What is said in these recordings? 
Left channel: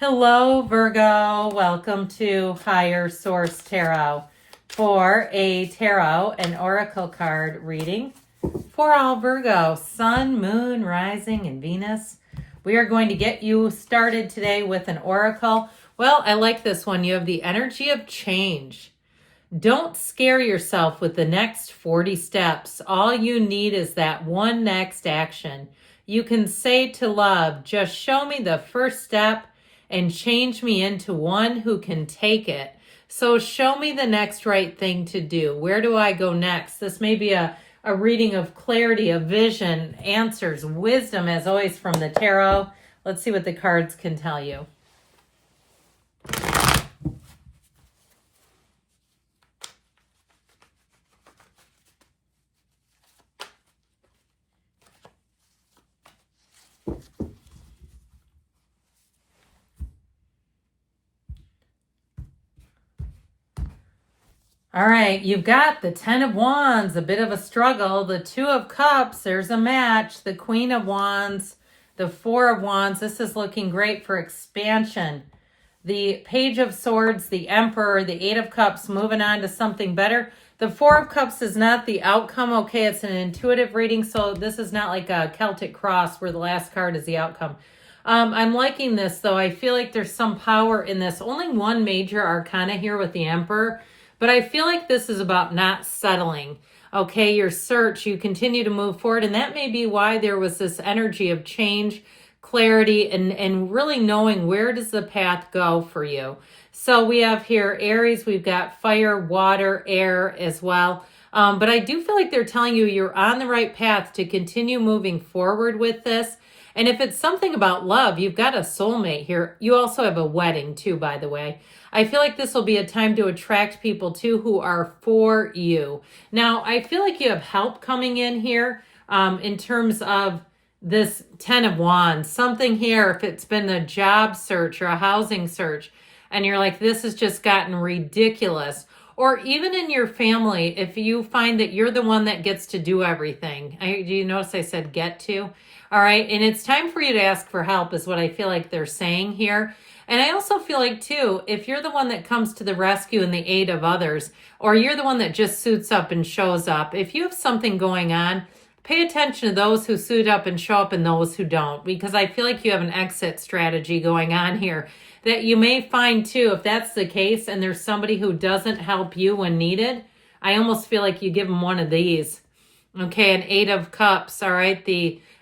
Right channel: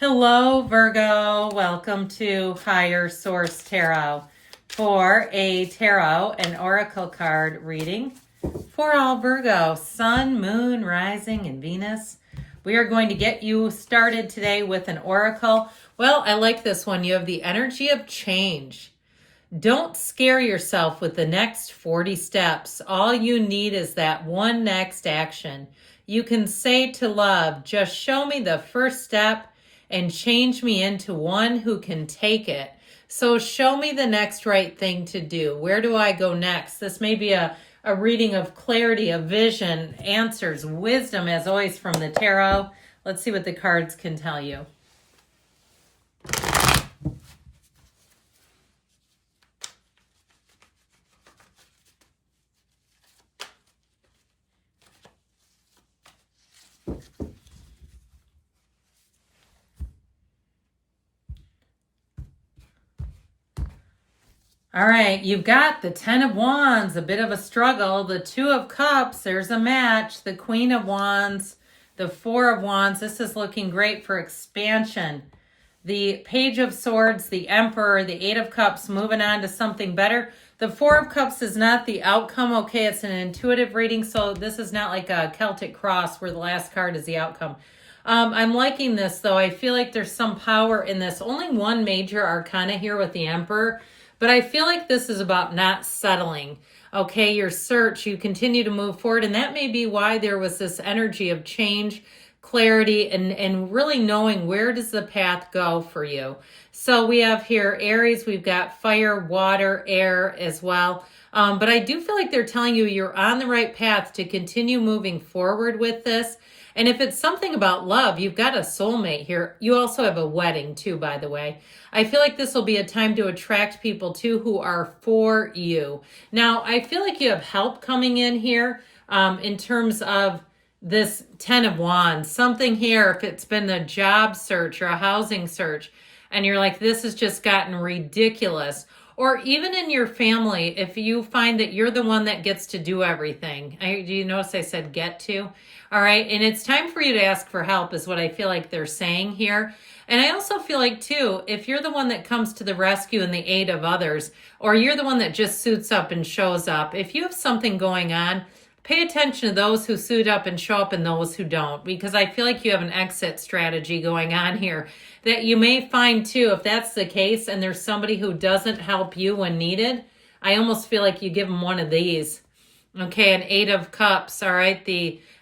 Hello, Virgo. Welcome to Higher Source Tarot for a tarot and oracle card reading for all Virgo, Sun, Moon, Rising, and Venus. We are going to get you started today with an oracle. Well, I like this one. You have the energy of change. Don't scare yourself with the next 40 steps. All you need is that one next action. You can say to love, just show me the first step and change me into one who can take it. So show me the next right thing to do. Where do I go next? This may be a reading of clarity, of vision, answers, wisdom, as always, from the tarot. Let's see what the cards can tell you. All right, you've got the 10 of Wands, a bit of a struggle. The 2 of Cups, there's a match. The Queen of Wands, the 4 of Wands. This is looking great for expansion. The Page of Swords, the Emperor, the 8 of Cups, moving on to something better. The 4 of Cups is not the outcome. Okay, it's an intuitive reading, so this is not like a Celtic cross where the last card is the outcome. I'm liking this, though. I feel like there's some power in this. Only one major arcana here with the Emperor. But I feel like this is about not settling. Okay, your search, you continue to move forward. And that may be why there was this energy of change, clarity, and really knowing where does the path go for you. So we have here Aries, we've got fire, water, air as well. But I do feel like they're telling you you're on the right path to continue moving forward with this. And if it's something about love, you've got a soulmate here. You also have a wedding too, by the way. I feel like this will be a time to attract people too who are for you. Now, I feel like you have help coming in here in terms of this 10 of Wands. Something here, if it's been a job search or a housing search, and you're like, this has just gotten ridiculous. Or even in your family, if you find that you're the one that gets to do everything. Do you notice I said get to? All right, and it's time for you to ask for help is what I feel like they're saying here. And I also feel like, too, if you're the one that comes to the rescue and the aid of others, or you're the one that just suits up and shows up, if you have something going on, pay attention to those who suit up and show up and those who don't, because I feel like you have an exit strategy going on here that you may find, too, if that's the case and there's somebody who doesn't help you when needed, I almost feel like you give them one of these. Okay, an 8 of Cups, all right,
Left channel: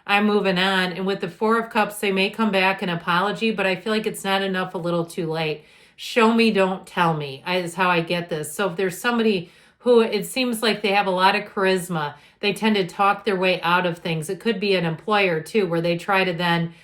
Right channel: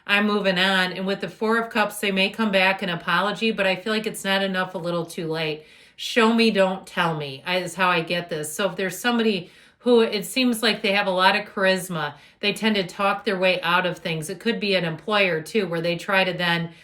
I'm moving on. And with the 4 of Cups, they may come back and apology, but I feel like it's not enough a little too late. Show me, don't tell me is how I get this. So if there's somebody who it seems like they have a lot of charisma, they tend to talk their way out of things. It could be an employer too, where they try to then,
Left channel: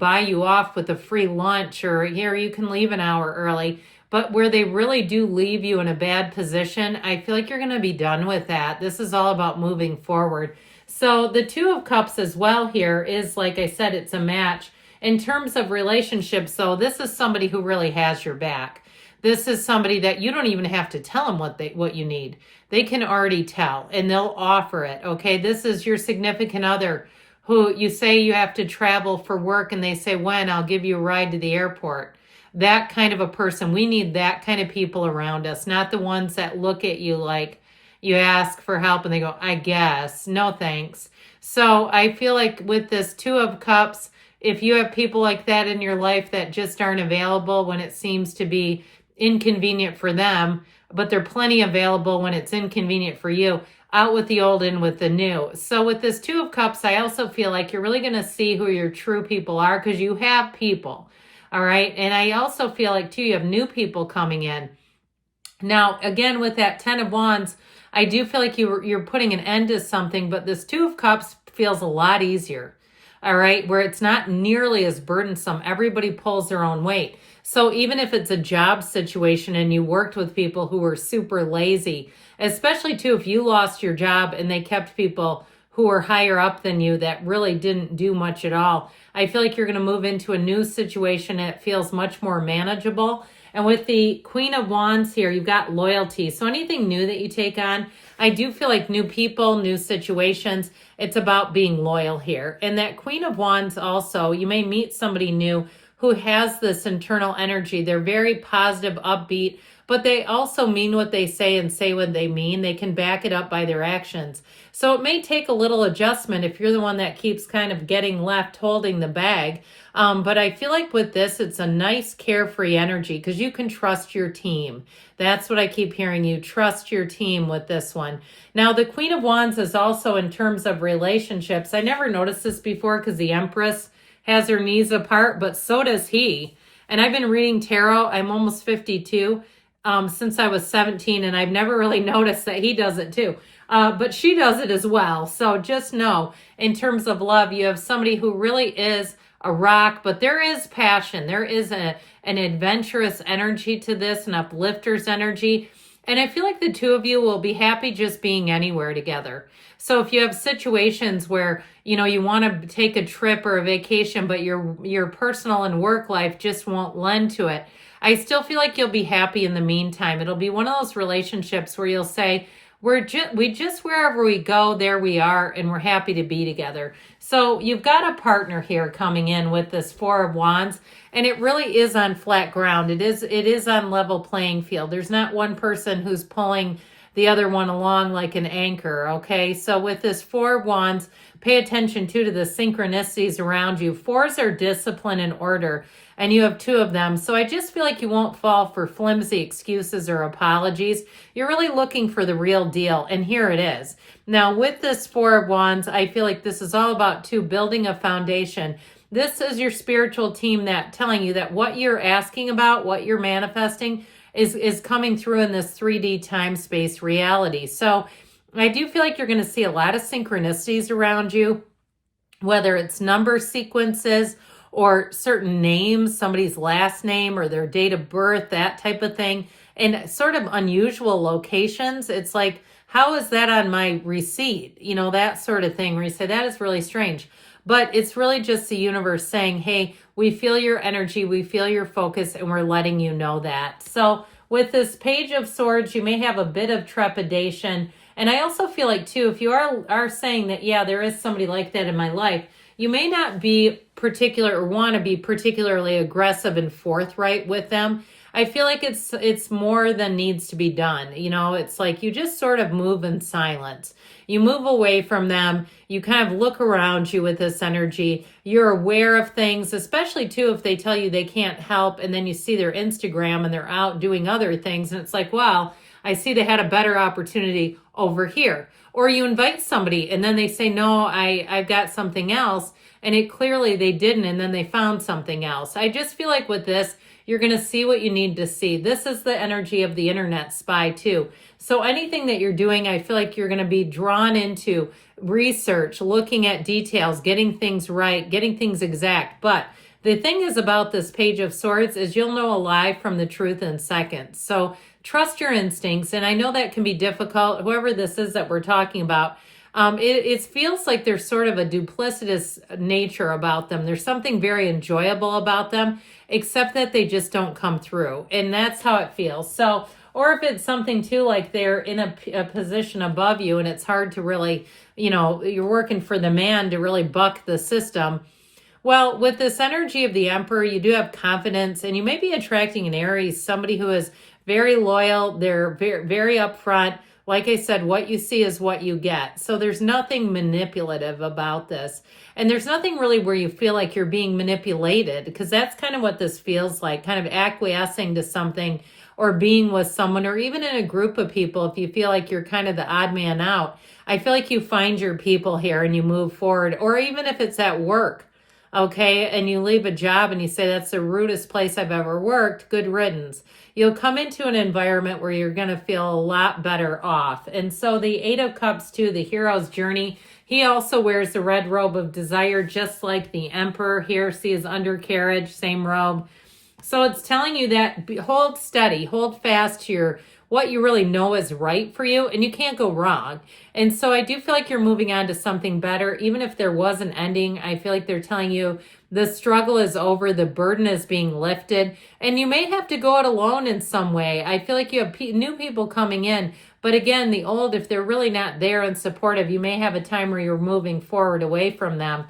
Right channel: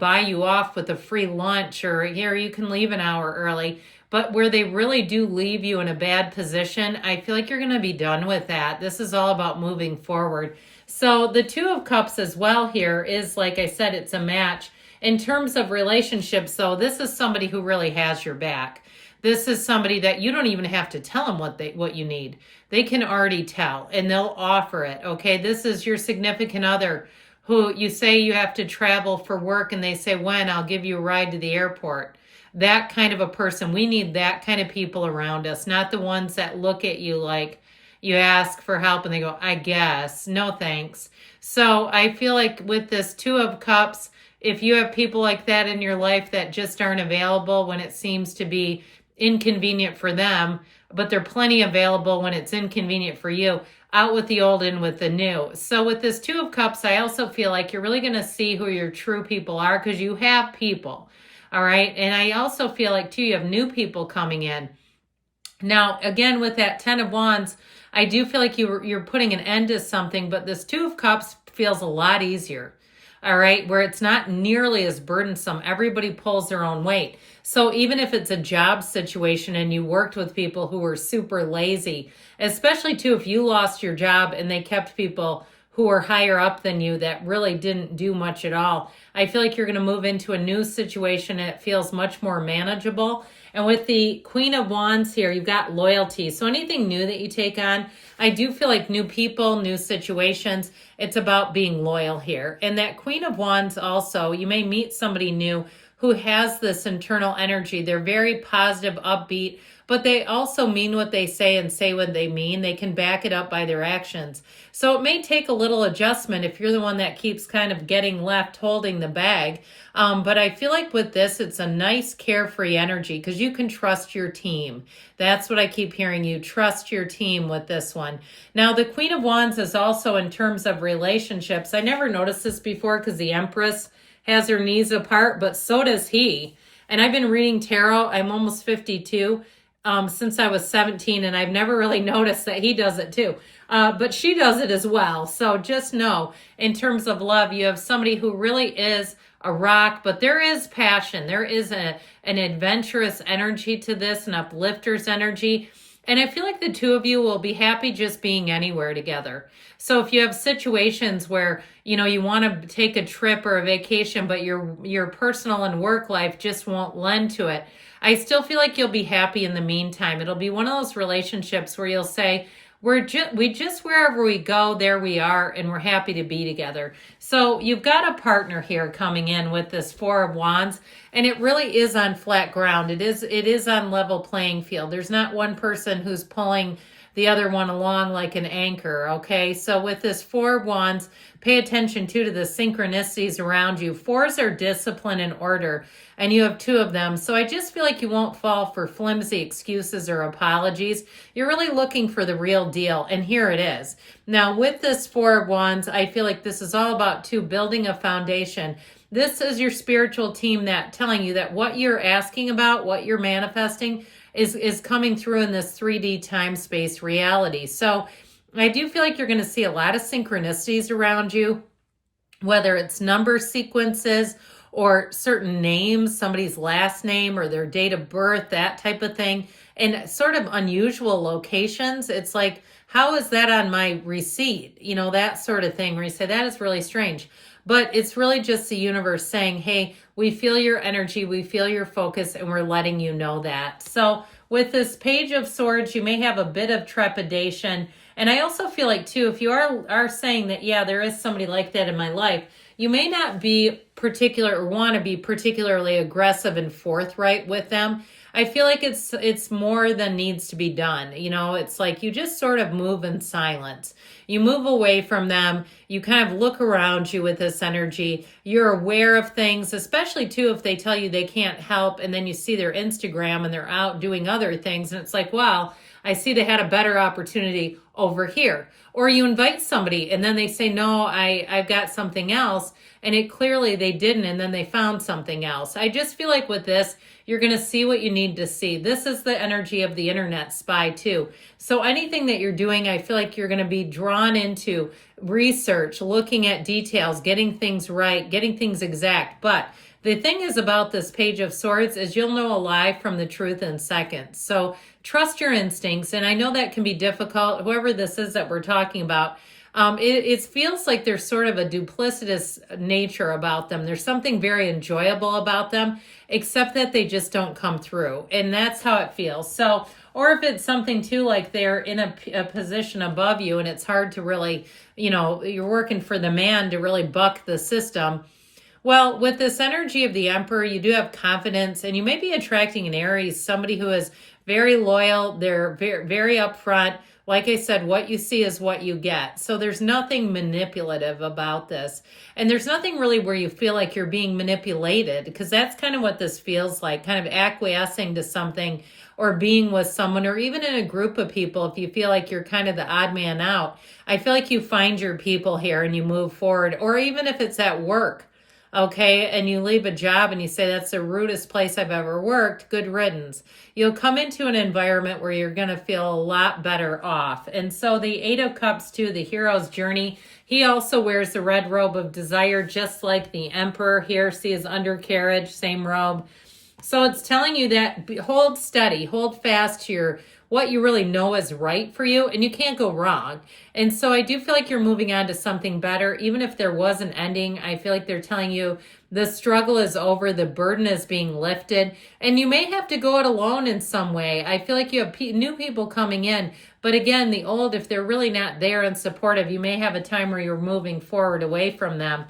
buy you off with a free lunch or here, you can leave an hour early. But where they really do leave you in a bad position, I feel like you're going to be done with that. This is all about moving forward. So the 2 of Cups as well here is, like I said, it's a match. In terms of relationships, though, this is somebody who really has your back. This is somebody that you don't even have to tell them what you need. They can already tell, and they'll offer it, okay? This is your significant other who you say you have to travel for work, and they say, when? I'll give you a ride to the airport. That kind of a person. We need that kind of people around us, not the ones that look at you like, you ask for help and they go, I guess, no thanks. So I feel like with this 2 of Cups, if you have people like that in your life that just aren't available when it seems to be inconvenient for them, but they're plenty available when it's inconvenient for you, out with the old and with the new. So with this 2 of Cups, I also feel like you're really going to see who your true people are because you have people. All right. And I also feel like, too, you have new people coming in. Now, again, with that 10 of Wands, I do feel like you're putting an end to something, but this 2 of Cups feels a lot easier, all right, where it's not nearly as burdensome. Everybody pulls their own weight. So even if it's a job situation and you worked with people who were super lazy, especially, too, if you lost your job and they kept people who were higher up than you that really didn't do much at all, I feel like you're going to move into a new situation and it feels much more manageable. And with the Queen of Wands here, you've got loyalty. So anything new that you take on, I do feel like new people, new situations, it's about being loyal here. And that Queen of Wands also, you may meet somebody new who has this internal energy. They're very positive, upbeat, but they also mean what they say and say what they mean. They can back it up by their actions. So it may take a little adjustment if you're the one that keeps kind of getting left holding the bag. But I feel like with this, it's a nice carefree energy because you can trust your team. That's what I keep hearing. You trust your team with this one. Now, the Queen of Wands is also in terms of relationships. I never noticed this before because the Empress has her knees apart, but so does he. And I've been reading tarot. I'm almost 52. Since I was 17, and I've never really noticed that he does it too. But she does it as well. So just know, in terms of love, you have somebody who really is a rock, but there is passion. There is an adventurous energy to this, an uplifter's energy. And I feel like the two of you will be happy just being anywhere together. So if you have situations where, you want to take a trip or a vacation, but your personal and work life just won't lend to it, I still feel like you'll be happy in the meantime. It'll be one of those relationships where you'll say, we just wherever we go, there we are, and we're happy to be together. So you've got a partner here coming in with this Four of Wands, and it really is on flat ground. It is on level playing field. There's not one person who's pulling the other one along like an anchor, okay? So with this Four of Wands, pay attention to the synchronicities around you. Fours are discipline and order, and you have two of them. So I just feel like you won't fall for flimsy excuses or apologies. You're really looking for the real deal, and here it is. Now, with this Four of Wands, I feel like this is all about building a foundation. This is your spiritual team that telling you that what you're asking about, what you're manifesting, is coming through in this 3D time-space reality. So I do feel like you're going to see a lot of synchronicities around you, whether it's number sequences or certain names, somebody's last name or their date of birth, that type of thing, and sort of unusual locations. It's like, how is that on my receipt? That sort of thing where you say, that is really strange. But it's really just the universe saying, hey, we feel your energy, we feel your focus, and we're letting you know that. So with this Page of Swords, you may have a bit of trepidation. And I also feel like, too, if you are saying that, yeah, there is somebody like that in my life, you may not be particular or want to be particularly aggressive and forthright with them. I feel like it's more than needs to be done. It's like you just sort of move in silence. You move away from them. You kind of look around you with this energy. You're aware of things, especially too if they tell you they can't help, and then you see their Instagram and they're out doing other things, and it's like, wow, I see they had a better opportunity over here. Or you invite somebody and then they say, no, I've got something else, and it clearly they didn't, and then they found something else. I just feel like with this, you're going to see what you need to see. This is the energy of the internet spy too. So anything that you're doing, I feel like you're going to be drawn into research, looking at details, getting things right, getting things exact. But the thing is about this Page of Swords is you'll know a lie from the truth in seconds. So trust your instincts. And I know that can be difficult. Whoever this is that we're talking about, it feels like there's sort of a duplicitous nature about them. There's something very enjoyable about them, except that they just don't come through. And that's how it feels. So, or if it's something too, like they're in a position above you and it's hard to really, you're working for the man to really buck the system. Well, with this energy of the Emperor, you do have confidence, and you may be attracting an Aries, somebody who is very loyal. They're very, very upfront. Like I said, what you see is what you get. So there's nothing manipulative about this. And there's nothing really where you feel like you're being manipulated, because that's kind of what this feels like, kind of acquiescing to something or being with someone, or even in a group of people. If you feel like you're kind of the odd man out, I feel like you find your people here and you move forward. Or even if it's at work, okay, and you leave a job and you say, that's the rudest place I've ever worked, good riddance. You'll come into an environment where you're going to feel a lot better off. And so the Eight of Cups too, the hero's journey, he also wears the red robe of desire, just like the Emperor here. See his undercarriage, same robe. So it's telling you that hold steady, hold fast to what you really know is right for you, and you can't go wrong. And so I do feel like you're moving on to something better. Even if there was an ending, I feel like they're telling you the struggle is over, the burden is being lifted, and you may have to go it alone in some way. I feel like you have new people coming in, but again, the old, if they're really not there and supportive, you may have a time where you're moving forward away from them.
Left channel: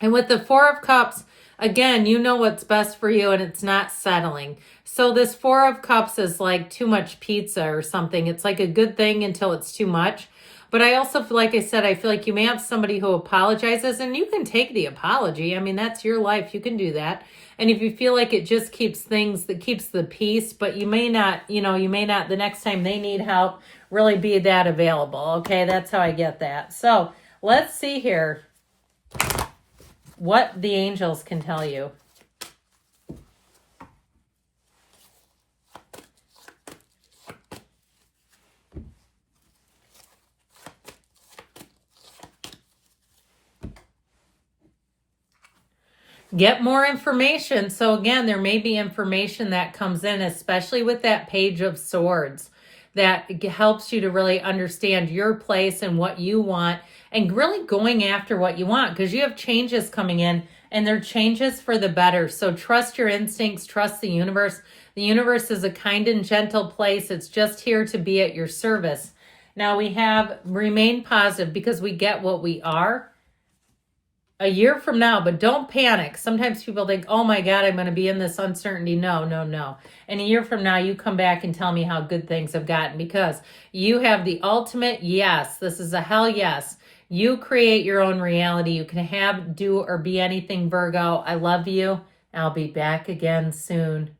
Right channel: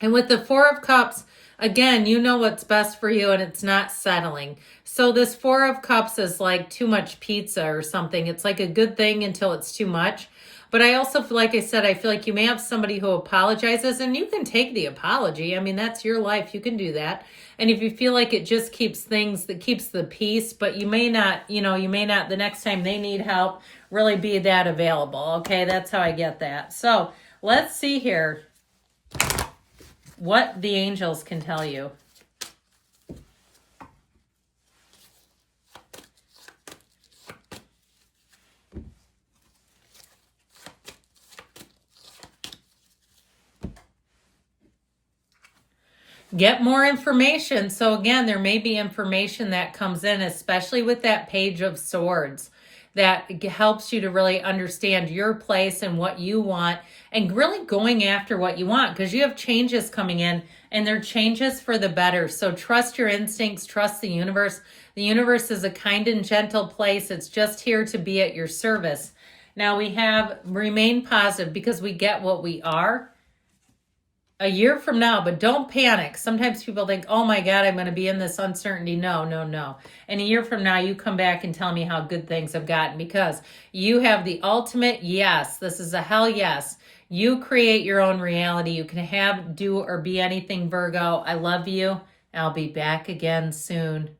And with the Four of Cups, Again, you know what's best for you and it's not settling. So this Four of Cups is like too much pizza or something. It's like a good thing until it's too much. But I also feel, like I said, I feel like you may have somebody who apologizes and you can take the apology. I mean, that's your life. You can do that. And if you feel like it just keeps things, that keeps the peace, but you may not, you may not, the next time they need help, really be that available. Okay, that's how I get that. So let's see here what the angels can tell you. Get more information. So again, there may be information that comes in, especially with that Page of Swords, that helps you to really understand your place and what you want, and really going after what you want, because you have changes coming in and they're changes for the better. So trust your instincts, trust the universe. The universe is a kind and gentle place. It's just here to be at your service. Now we have remain positive, because we get what we are. A year from now, but don't panic. Sometimes people think, oh my God, I'm going to be in this uncertainty. No, no, no. And a year from now, you come back and tell me how good things have gotten, because you have the ultimate yes. This is a hell yes. You create your own reality. You can have, do, or be anything, Virgo. I love you. I'll be back again soon.